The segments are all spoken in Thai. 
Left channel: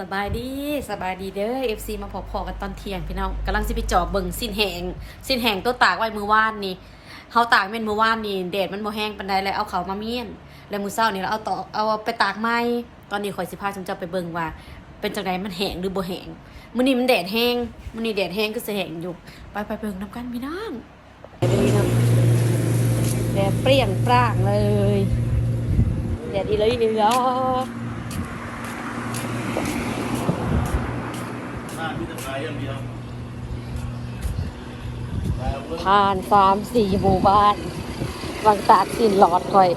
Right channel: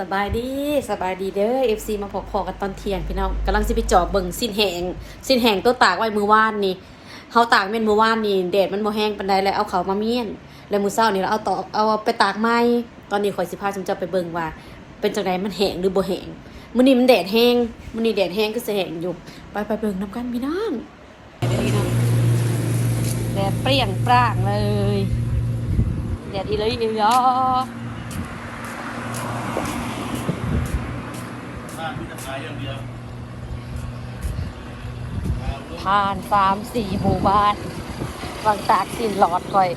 สบายดีสบายดีเด้อ FC มาพอพอกันตอนเที่ยงพี่น้องกำลังสิไปจอบเบิ่งสิ้นแหงสิ้นแหงตัวตากไว้มือว่านนี่เฮาตากแม่นมือว่านนี่แดดมันบ่แห้งปานใดแล้วเอาเขามาเมียนแล้วมื้อเช้านี่เราเอาตอกเอาไปตากใหม่ตอนนี้ข่อยสิพาจุมเจ้าไปเบิ่งว่า เป็นจังไดมันแห้งหรือบ่แห้งมื้อนี้มันแดดแห้งมื้อนี้แดดแห้งก็สิแห้งอยู่ไปไปเบิ่งนํกันพี่น้องแดดเปรี้ยงปร้างเลยแดดอีเลยนิวยอร์ก บ้านที่านี้นะผ่านสามสี่หมู่บ้านบางตากสินหลอดถอย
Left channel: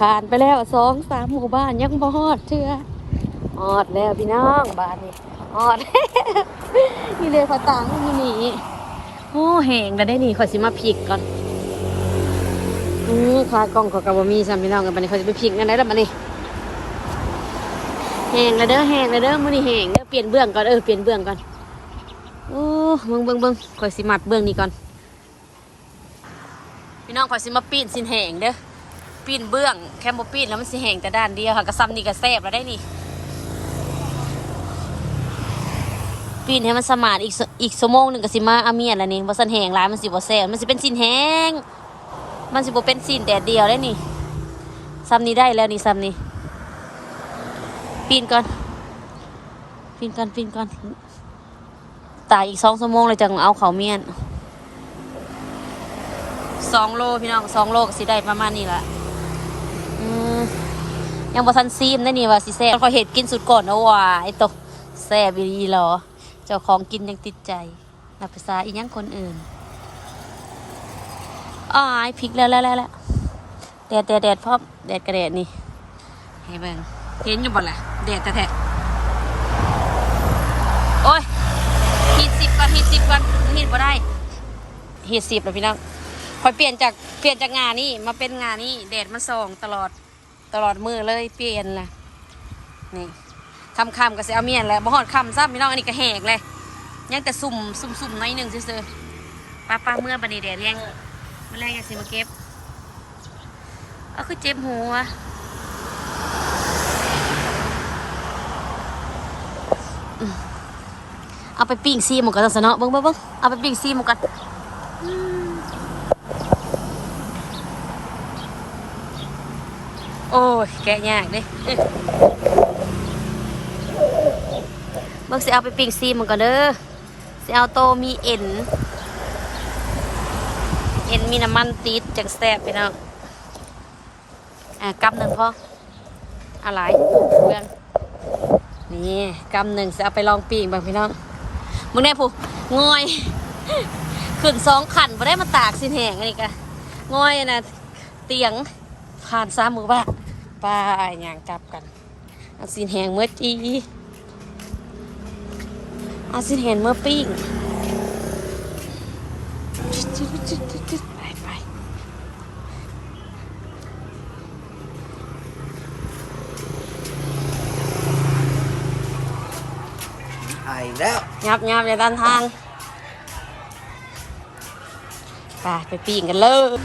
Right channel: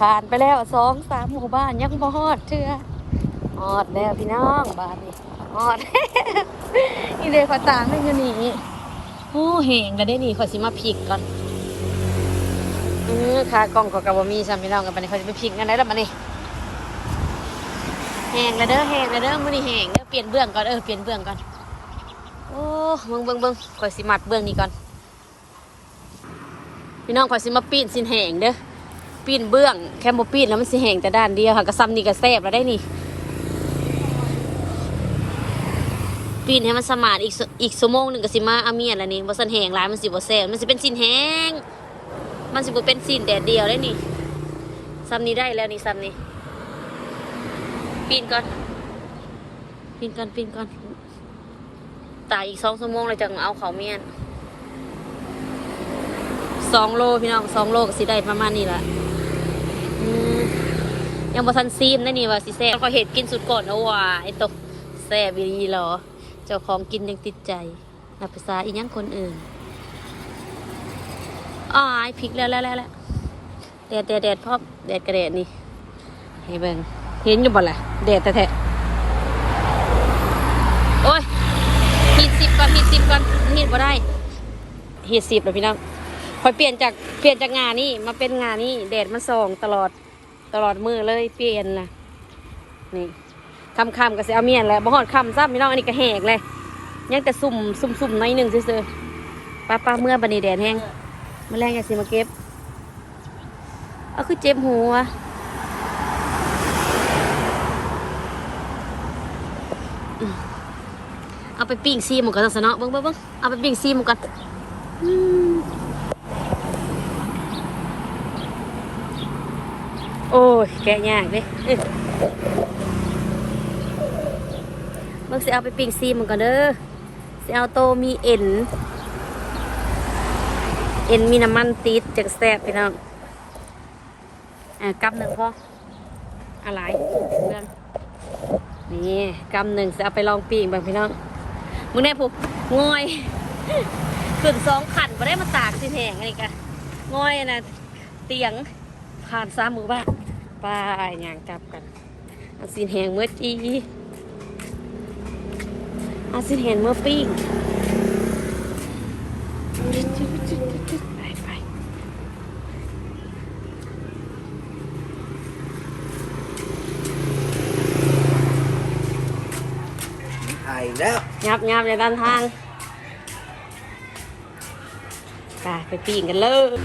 ผ่านไปแล้วสองสามหมู่บ้านยังบ่ฮอดเชื่อฮอดแล้วพี่น้องบ้านนี้ฮอดนี่เลยขอตามได้มานี่โอ้แหงแล้วได้นี่ขอสิมาพริกก่อนอืมขากล้องขอกระบมีซ้ำพี่น้องกันไปนี่ขอสิไปพริกกันได้แล้วมานี่ แหงแล้วเด้อแหงแล้วเด้อมื้อนี้แหงเด้อเปลี่ยนเบื้องก่อนเออเปลี่ยนเบื้องก่อนโอ้เบิ่งเบิ่งเบิ่งขอยสิมัดเบื้องนี้ก่อน พี่น้องขอยสิมาปีนสินแหงเด้อปีนเบื้องแค่บ่ปีนแล้วมันสิแหงแต่ด้านเดียวค่ะกระซ้ำนี่ก็แซ่บแล้วได้นี่ปีนให้มันสมานอีกอีกชั่วโมงหนึ่งก็สิมาอาเมียนแล้วนี่บ่สันแหงหลายมันสิบ่แซ่บมันสิเป็นสินแหงมันสิบ่เป็นสินแดดเดียวแล้วนี่ซ้ำนี้ได้แล้วนี่ซ้ำนี้ ปีนก่อน ปีนก่อนปีนก่อนตายอีกสองชั่วโมงเลยจังเอาเขาเมียนสองโลพี่น้องสองโลก็สิได้ประมาณนี้ละยังบ่ทันซีมได้นี่ว่าสิแซ่บขอยเห็ดกินสุดก่อนเอาว่าไอ้ตกแซ่บอีหลีเหรอ เจ้าของกินยังติดใจนับภาษาอีหยังคนอื่นอ้ายพริกแล้วแล้วแล้วแดดแดดแดดพร้อแดดกระแดดนี่ ให้เบิ่ง เห็นอยู่บ่ล่ะแดดแท้ๆโอ้ยฮีดสิบก่อนฮีดสิบก่อนฮีดบ่ได้ฮีดสิบแล้วพี่น้องคอยเปลี่ยนจากเปลี่ยนจากงานนี้มาเป็นงานนี้แดดมันส่องตลอดตลอดมือเลยเปลี่ยนนะนี่คำคำก็เสียเอาเมียนแล้วบ่ฮอดคำซ้ำพี่น้องอันนี้ก็แหกเลยยังแต่สุ่มสุ่มสุ่มน้อยหนึ่งซื่อๆป้าป้าเมื่อบันนี้แดดแห้งแมาแรงอย่าสิมาเก็บเอาคือเจ็บหัวอืม เอาไปปิ้งซีหมูกันซะเนาะเบิ้งเบิ้งเบิ้งเอาไปปิ้งซีหมูกันโอ้ยแกะยากเด้เอ้ยเบิ่งสิเอาไปปิ้งซีมันก่อนเด้อสิเอาโตมีเอ็นเอ็นมีน้ำมันติดจังแซ่บพี่น้องอะกำหนึ่งพ่ออะไรเรื่องนี่กำหนึ่งจะเอาไปลองปิ้งบ้างพี่น้อง มึงได้ผู้งอย ขึ้นสองขันมาได้มาตากสินแหงไงกะงอยนะเตียงผ่านซามมือบ้างไป้ายงานกลับกันอาสินแหงเมื่อจีอาสินแหงเมื่อปิ้งไปไป ถ่าย แล้วงับงับอย่าดันทางไปไปปิ้งกันเลย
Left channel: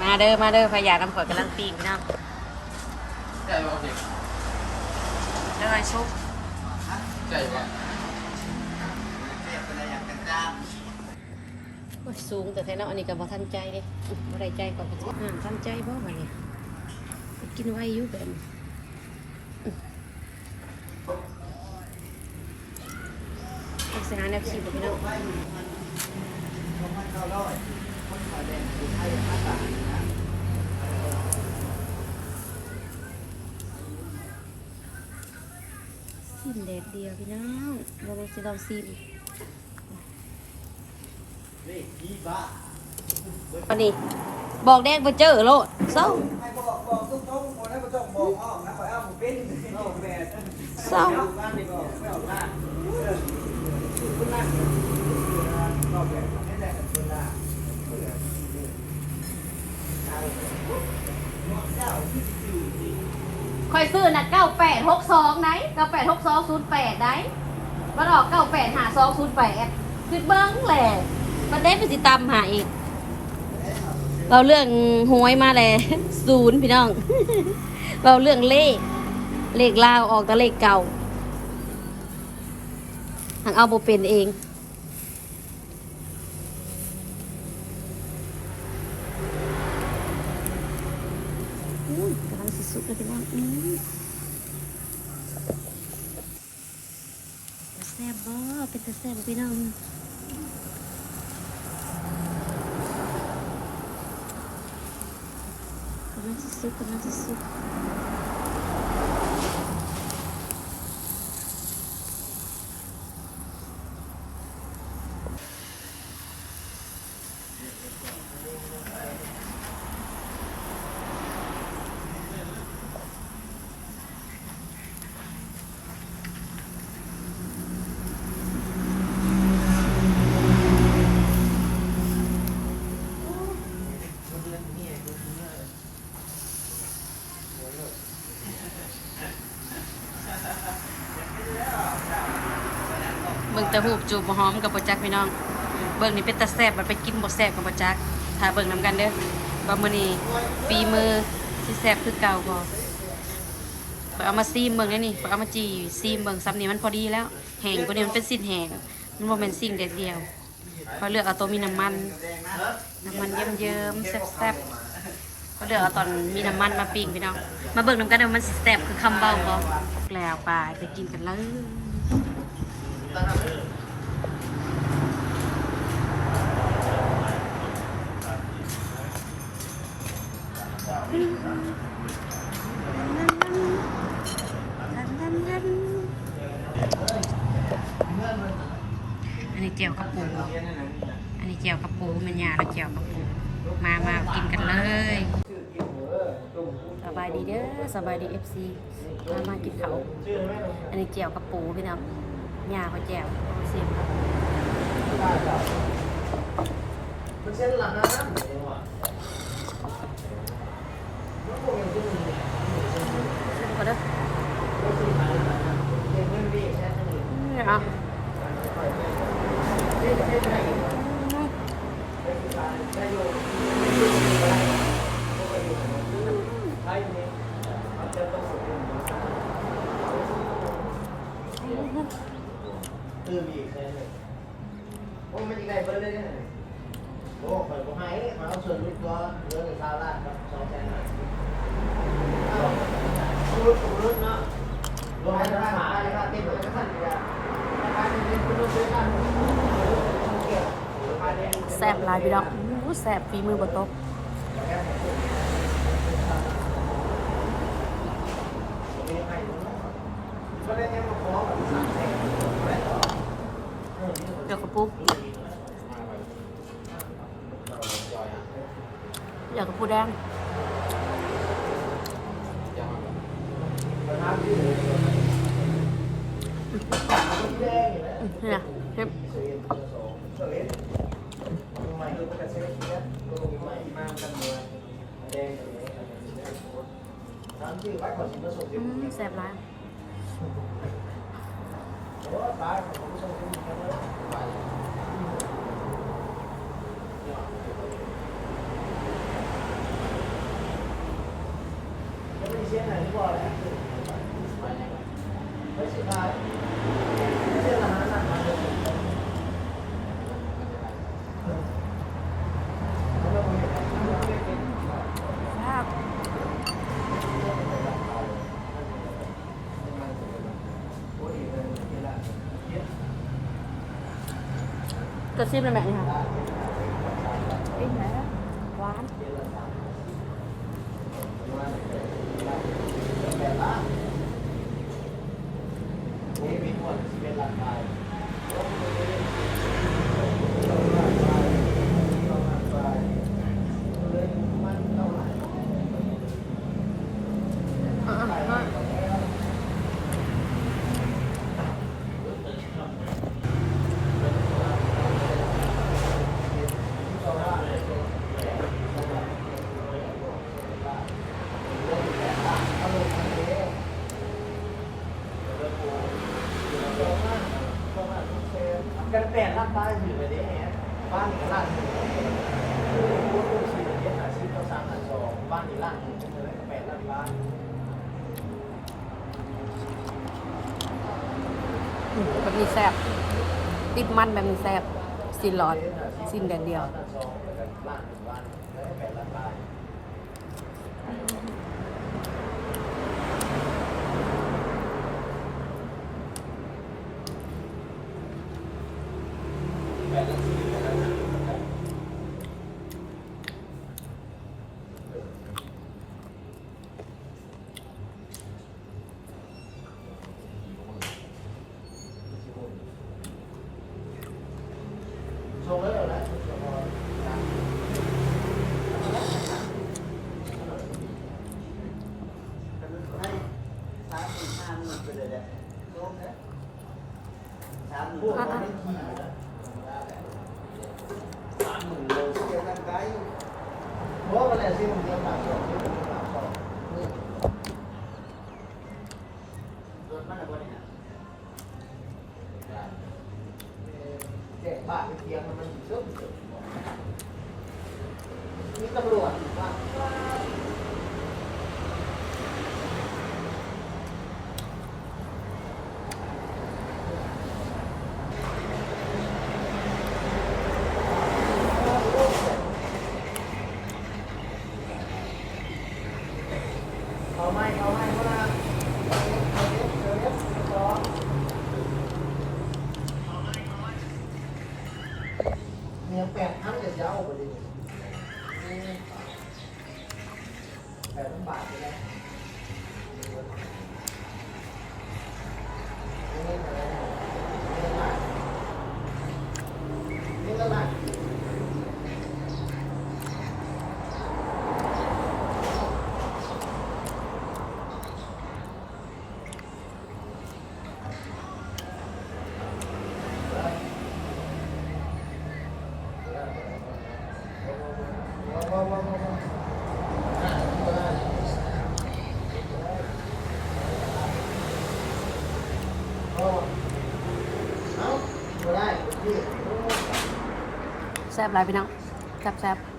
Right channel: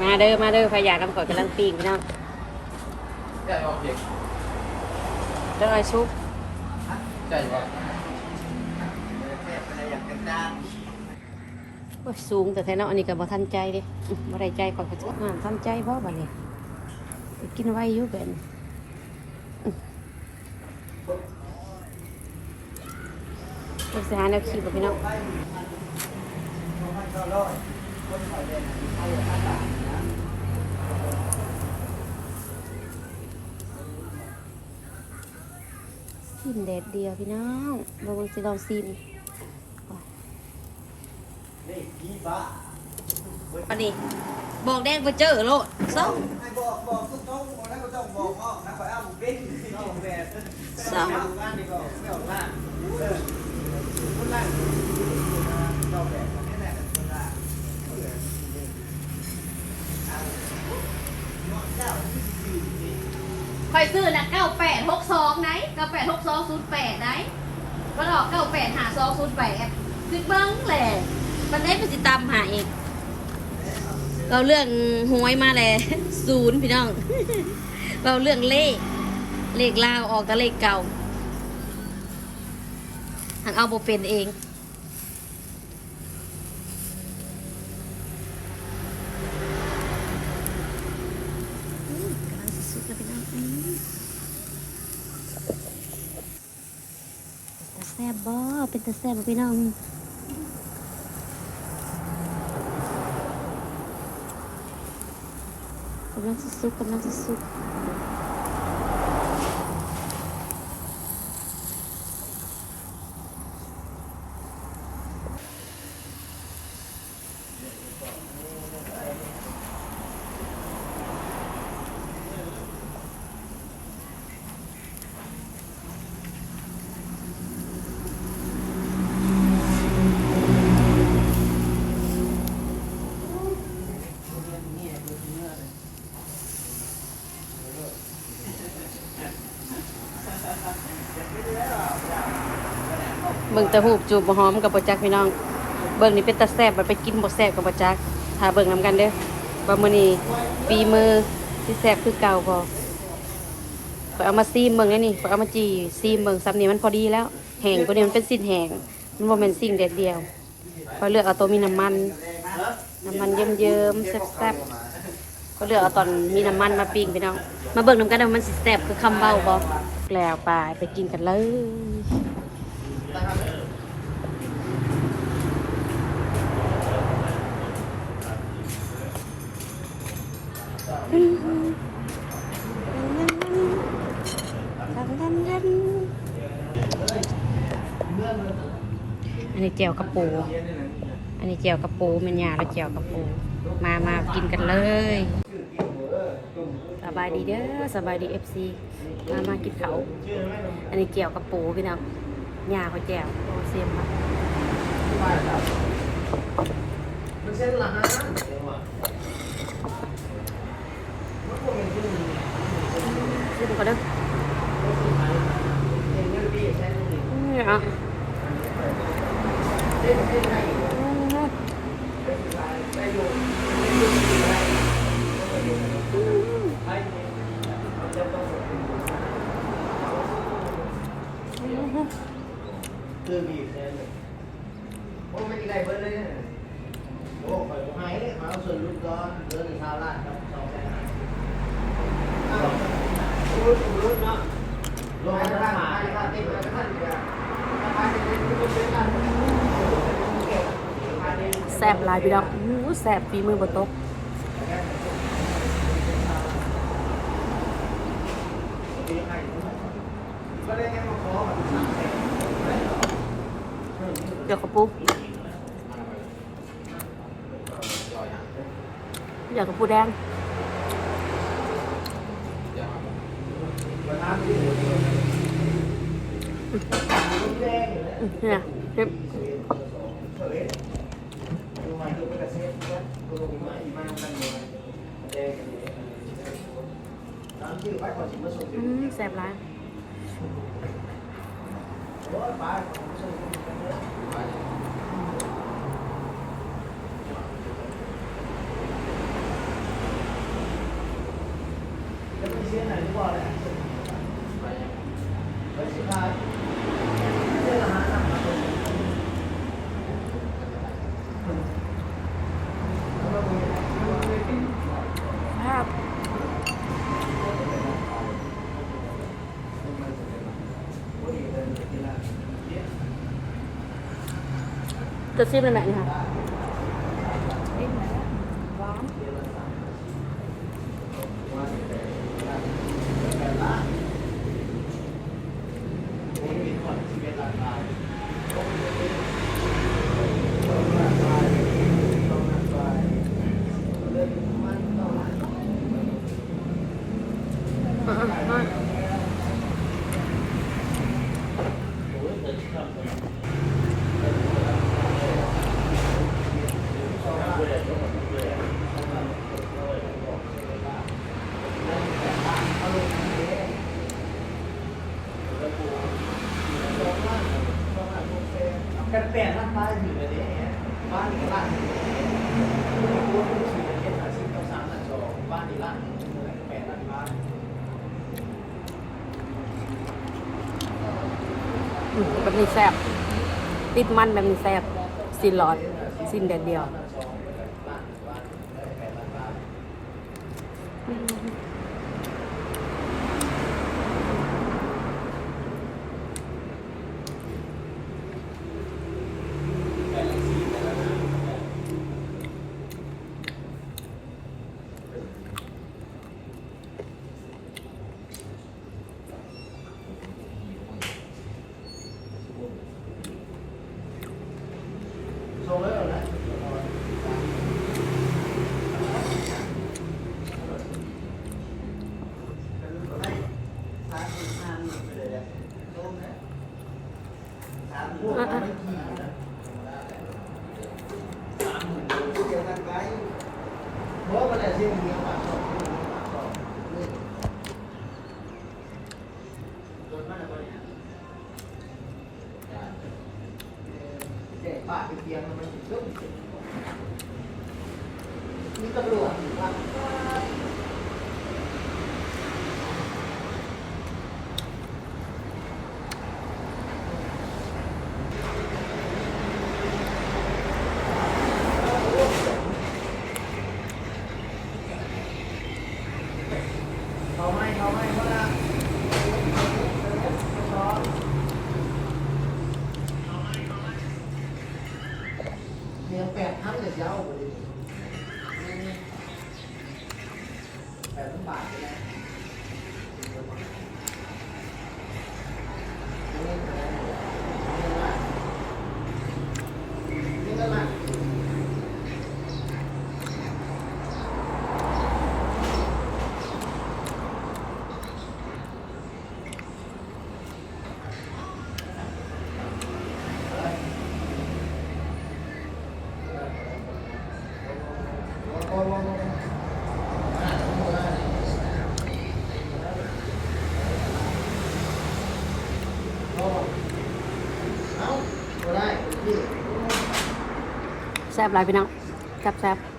มาเด้อมาเด้อพยาน้ำข่อยกำลังปิ้งพี่น้องใจว่าเด็กเด้อไอ้ซุปใจ ว่าโอ้ยสูงแต่แท้เนาะอันนี้ก็บ่ทันใจดิอื้อบ่ได้ใจก่อนก็จะอ่าทันใจบ่บัดนี้กินไว้อยู่แบบนี้อื้อเดี๋ยวสิหาแนวชีพบ่พี่น้องสิ้นแดดเดียวพี่น้องบ่ว่าสิเราสิ้น อันนี้ บอกแดงมาเจอโลดเศร้าเศร้าคอยซื้อนะเก้าแปดหกสองไหนเก้าแปดหกสองศูนย์แปดไหนมันออกเก้าแปดหาสองศูนย์แปดคือเบิ้งแหละ มันได้ไปติดตามหาอีกเราเรื่องหวยมาแล้วศูนย์พี่น้อง เราเรื่องเลข เลขลาวออกแต่เลขเก่าหังเอาโบเป็นเองกำลังสุดๆเลยพี่น้องอืมแซ่บบ่เป็นตาแซ่บพี่น้อง กำลัง งสุดๆเบิ่งแต่หูบจูบหอมกับบ่จักพี่น้อง เบิ่งนี่เป็นตาแซบมันไปกินบ่แซบกับบ่จักถ้าเบิ่งนํกันเด้อว่ามื้อนี้ปีมือสิแซบคือเก่าบ่ข้อยเอามาซีมเบิ่งได้นี่ข้อยเอามาจีซีมเบิ่งซ้ำนี่มันพอดีแล้วแห้งกว่านี้มันเป็นสิ้นแห้งมันบ่แม่นสิ่งเด็ดเดียวข้อยเลือกเอาตัวมีน้ำมัน น้ำมันเยิ้มๆแซ่บๆก็เลือกเอาตอนมีน้ำมันมาปิ้งพี่น้อง มาเบิ่งน้ำกันว่ามันสิแซ่บคือคำเบ้าบ่แล้วไปไปกินกันเลย อันนี้เจียวกระปู อันนี้เจียวกระปูมันยาแล้วเจียวกระปู มามากินกันเลย สบายดีเด้อ สบายดีเอฟซีมามากินเขา อันนี้เจียวกระปูพี่น้อง ยาเขาแจวโอเสียมครับดูกันเด้อนี่อะ คือบีบเนี่ยเลยโอ้ไม่ได้เบอร์เลยเนี่ยโอ้ไปผมให้เขาส่วนรุ่นก้อนเบอหนึ่งเท่าล้านสองแสนรุ่นรุ่นเนาะลงมาจะหาอะไรครับที่มันขั้นเนี่ยแซบลายพี่น้องอู้แซบฝีมือบนโต๊ะ เดี๋ยวกระปุกอยากกระปูแดงเนี่ยเก็บอืมแซ่บร้ายครับ จะซิมเลยแม่นี่ค่ะ แปดรับมาอยู่เลยเนี่ยบ้านนี่ร้านนี่กูว่ากูขี่รถเย็นอาชีพต้องสามล้านสองบ้านนี่านแปดรับมาอืมแบบนี้แซ่บติดมันแบบนี้แซ่บสินหลอดสินแดดเดียว์แล้วนะ เพราะว่ามันแหละเส้นเดียวอะเด็กบ้าไปเทียงมันมันซุ่มมีตำรวจครับ เขาไม่เขาไม่เขาละเมียแปดครั้งจะยาวเลยแปดบาทเลยนะนี่ก็ละ แซ่บหลายพี่น้องแซ่บแซ่บ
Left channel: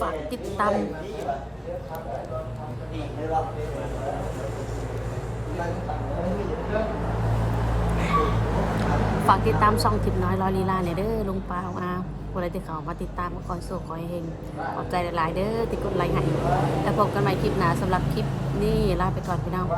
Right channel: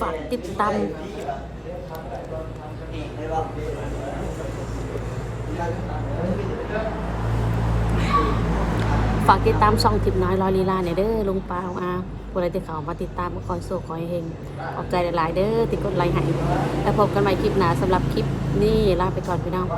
ฝากติดตามฝากติดตามช่องทิปน้อยลอยลีลาเนี่ยเด้อลุงปาวอาคนอะไรที่เขามาติดตามก็คอยโซ่คอยเฮงขอบใจหลายๆเด้อที่กดไลค์ให้แล้วพบกันใหม่คลิปหน้าสำหรับคลิปนี้ลาไปก่อนพี่น้อง